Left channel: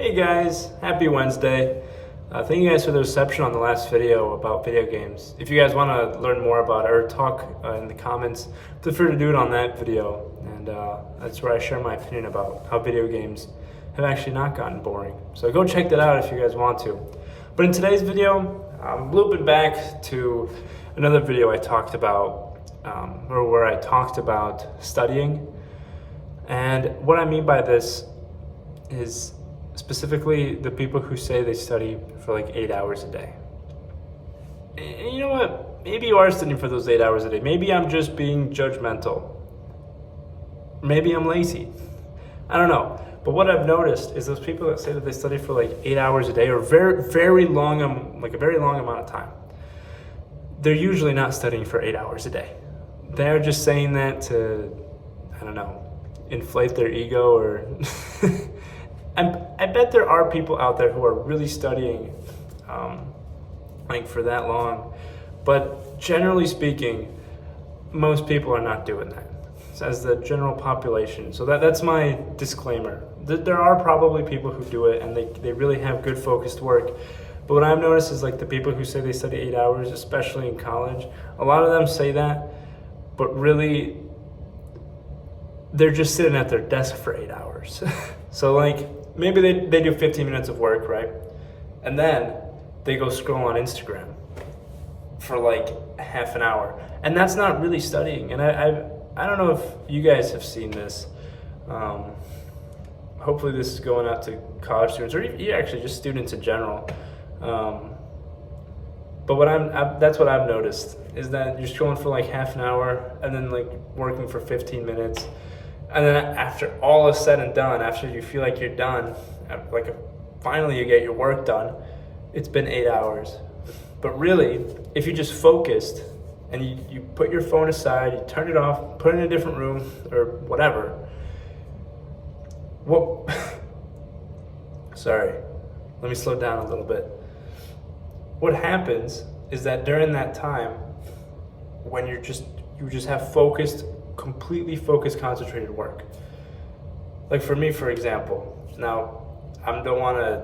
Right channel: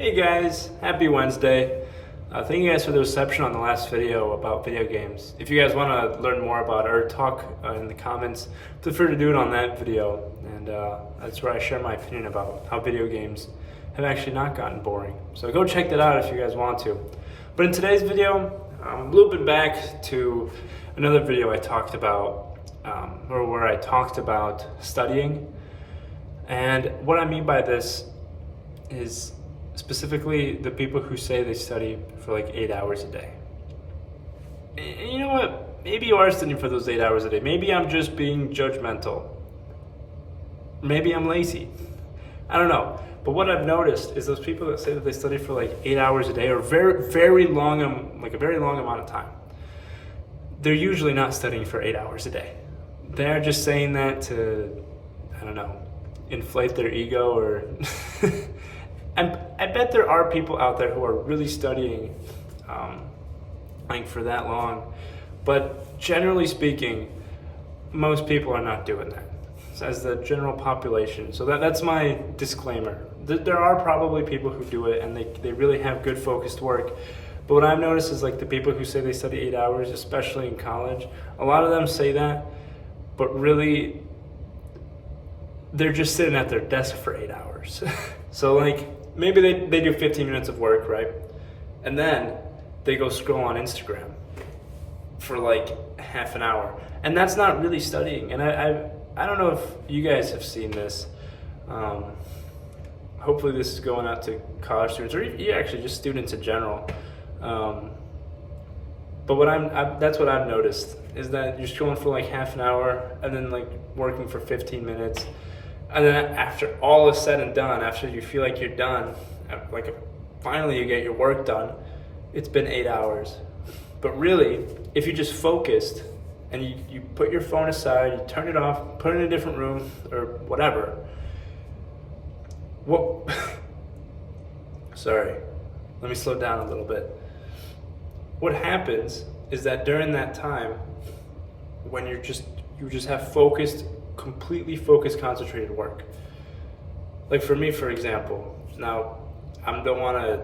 Hey guys, happy Wednesday. Thank you guys for the reception on the last video about video games. If you guys want to learn more about it or talk in the comments, feel free to do it on that video. And that's where I share my opinion about how video games have actually not gotten boring. So go check that out if you guys want to. But in today's video, I'm looping back to another video I talked about, where I talked about studying. And what I mean by this is specifically the people who say they study for like 8 hours a day. And you know what? Maybe you are studying for those 8 hours a day. Maybe I'm just being judgmental. Maybe I'm lazy. I don't know. But what I've noticed is those people that say that they study for like 8 hours a day or very long, like a very long amount of time, they're usually not studying for 8 hours a day. They're just saying that to, I don't know, inflate their ego or and I bet there are people out there who are really studying like for that long, but generally speaking, most people are not doing that as the general population. So that's my disclaimer. There are probably people who do it and they really have good focused work. But what I've noticed is like the people who say they study 8 hours, especially in college, a lot of them say that, but really they're just sitting at their desk for 8 hours. So like maybe they do 15 minutes of work, right? And then they go scroll on Instagram for like half an hour. And that's not really studying. And I don't know if you guys have seen this. Hopefully this is going out to college students or actually just students in general. But that's what I've noticed is that you're scrolling for like half an hour and then like working for 15 minutes. And then after all is said and done, after you feel like you're done, like finally you get your work done, it's been 8 hours. But really, if you just focused and you put your phone aside, you turn it off, put it in a different room or whatever, sorry, let me slow down a little bit. What happens is that during that time, when you just have completely focused, concentrated work. Like for me, for example, now I don't want to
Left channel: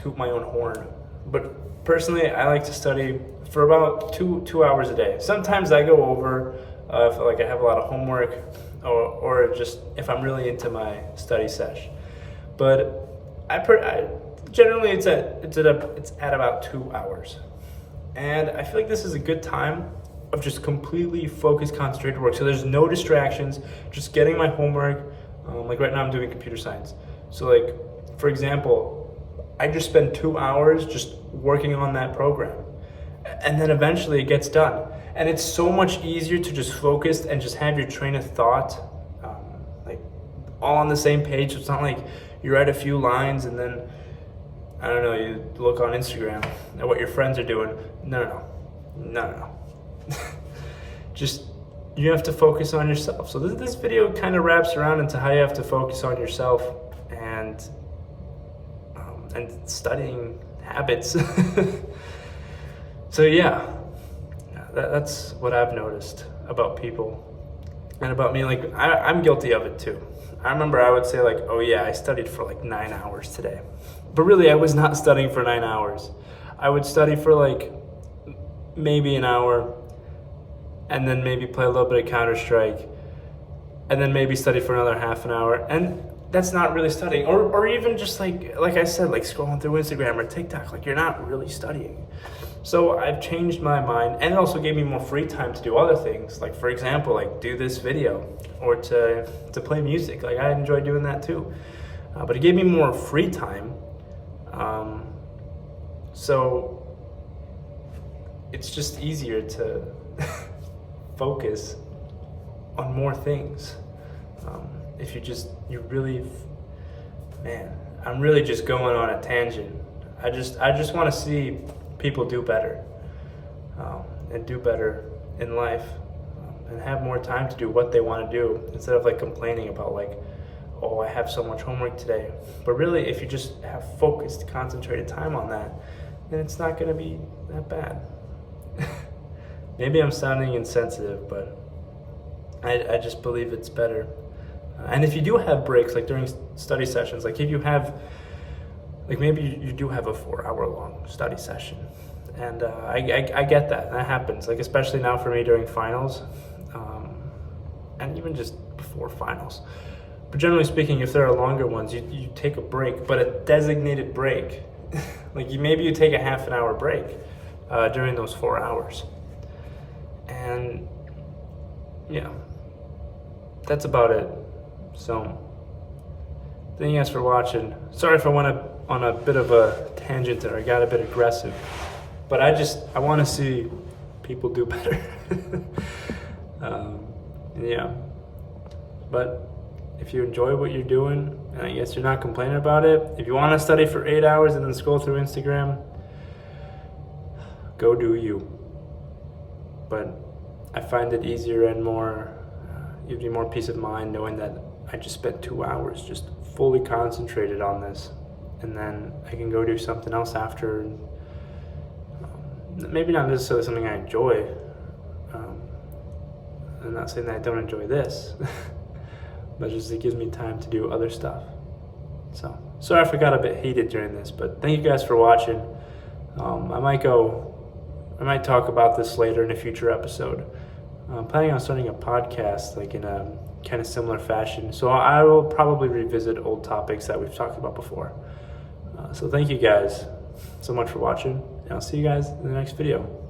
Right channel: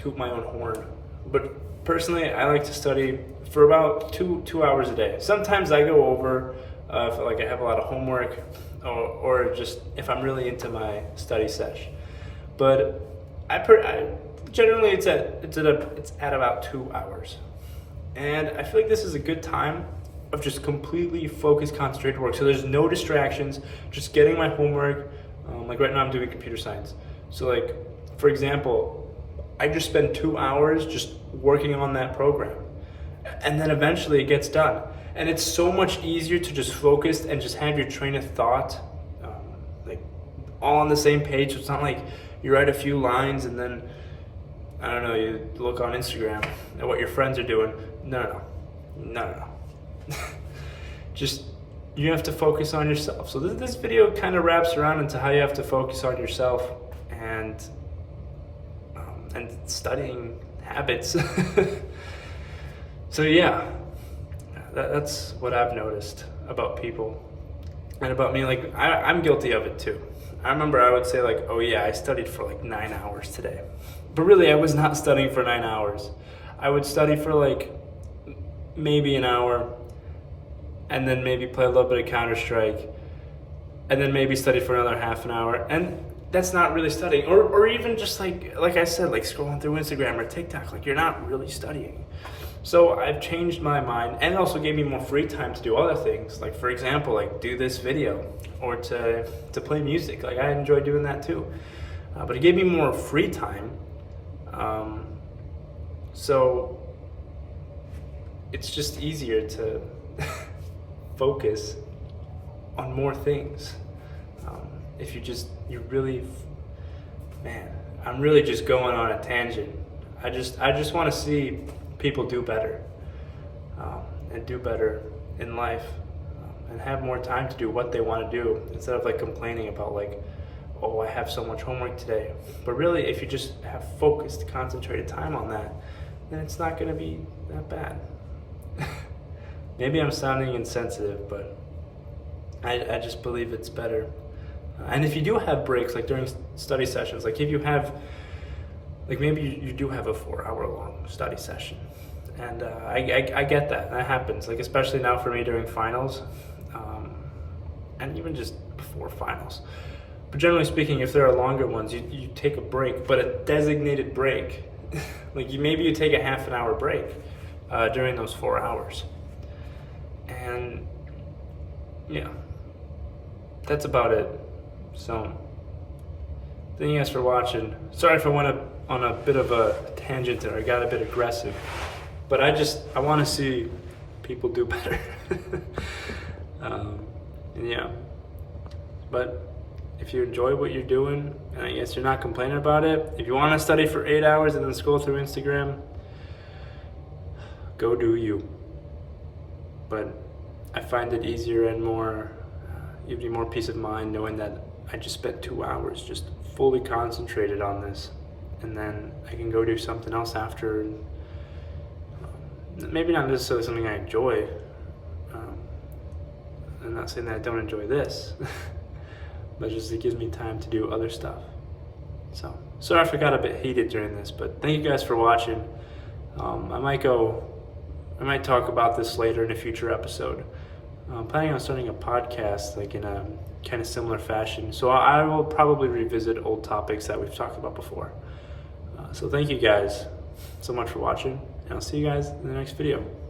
toot my own horn, but personally, I like to study for about two hours a day. Sometimes I go over if like I have a lot of homework, or just if I'm really into my study sesh. But I generally it's at about 2 hours, and I feel like this is a good time of just completely focused, concentrated work. So there's no distractions, just getting my homework. Like right now I'm doing computer science. So like, for example, I just spend 2 hours just working on that program. And then eventually it gets done. And it's so much easier to just focus and just have your train of thought like all on the same page. It's not like you write a few lines and then, I don't know, you look on Instagram at what your friends are doing. No. Just, you have to focus on yourself. So this video kind of wraps around into how you have to focus on yourself and studying habits. So yeah, that's what I've noticed about people and about me. Like I'm guilty of it too. I remember I would say like, oh yeah, I studied for like 9 hours today. But really I was not studying for 9 hours. I would study for like maybe an hour, and then maybe play a little bit of Counter-Strike, and then maybe study for another half an hour. And that's not really studying. Or even just like I said, like scrolling through Instagram or TikTok, like you're not really studying. So I've changed my mind, and it also gave me more free time to do other things. Like for example, like do this video or to play music. Like I enjoy doing that too. But it gave me more free time. So it's just easier to focus on more things. If I'm really just going on a tangent. I just want to see people do better, and do better in life, and have more time to do what they want to do instead of like complaining about like, oh, I have so much homework today. But really, if you just have focused, concentrated time on that, then it's not going to be that bad. Maybe I'm sounding insensitive, but I just believe it's better. And if you do have breaks, like during study sessions, like if you have like maybe you do have a 4-hour long study session, and I get that happens, like especially now for me during finals, and even just before finals. But generally speaking, if there are longer ones, you take a break, but a designated break. Like maybe you take a half an hour break during those 4 hours. And yeah, that's about it. So thank you guys for watching. Sorry if I went on a bit of a tangent there. I got a bit aggressive, but I want to see people do better. And yeah, but if you enjoy what you're doing, and I guess you're not complaining about it, if you want to study for 8 hours and then scroll through Instagram, go do you. But I find it easier and more, gives me more peace of mind knowing that I just spent 2 hours just fully concentrated on this, and then I can go do something else after. Maybe not necessarily something I enjoy. I'm not saying that I don't enjoy this, but just it gives me time to do other stuff. So sorry if I got a bit heated during this, but thank you guys for watching. I might talk about this later in a future episode. I'm planning on starting a podcast like in a kind of similar fashion. So I will probably revisit old topics that we've talked about before. So thank you guys so much for watching, and I'll see you guys in the next video.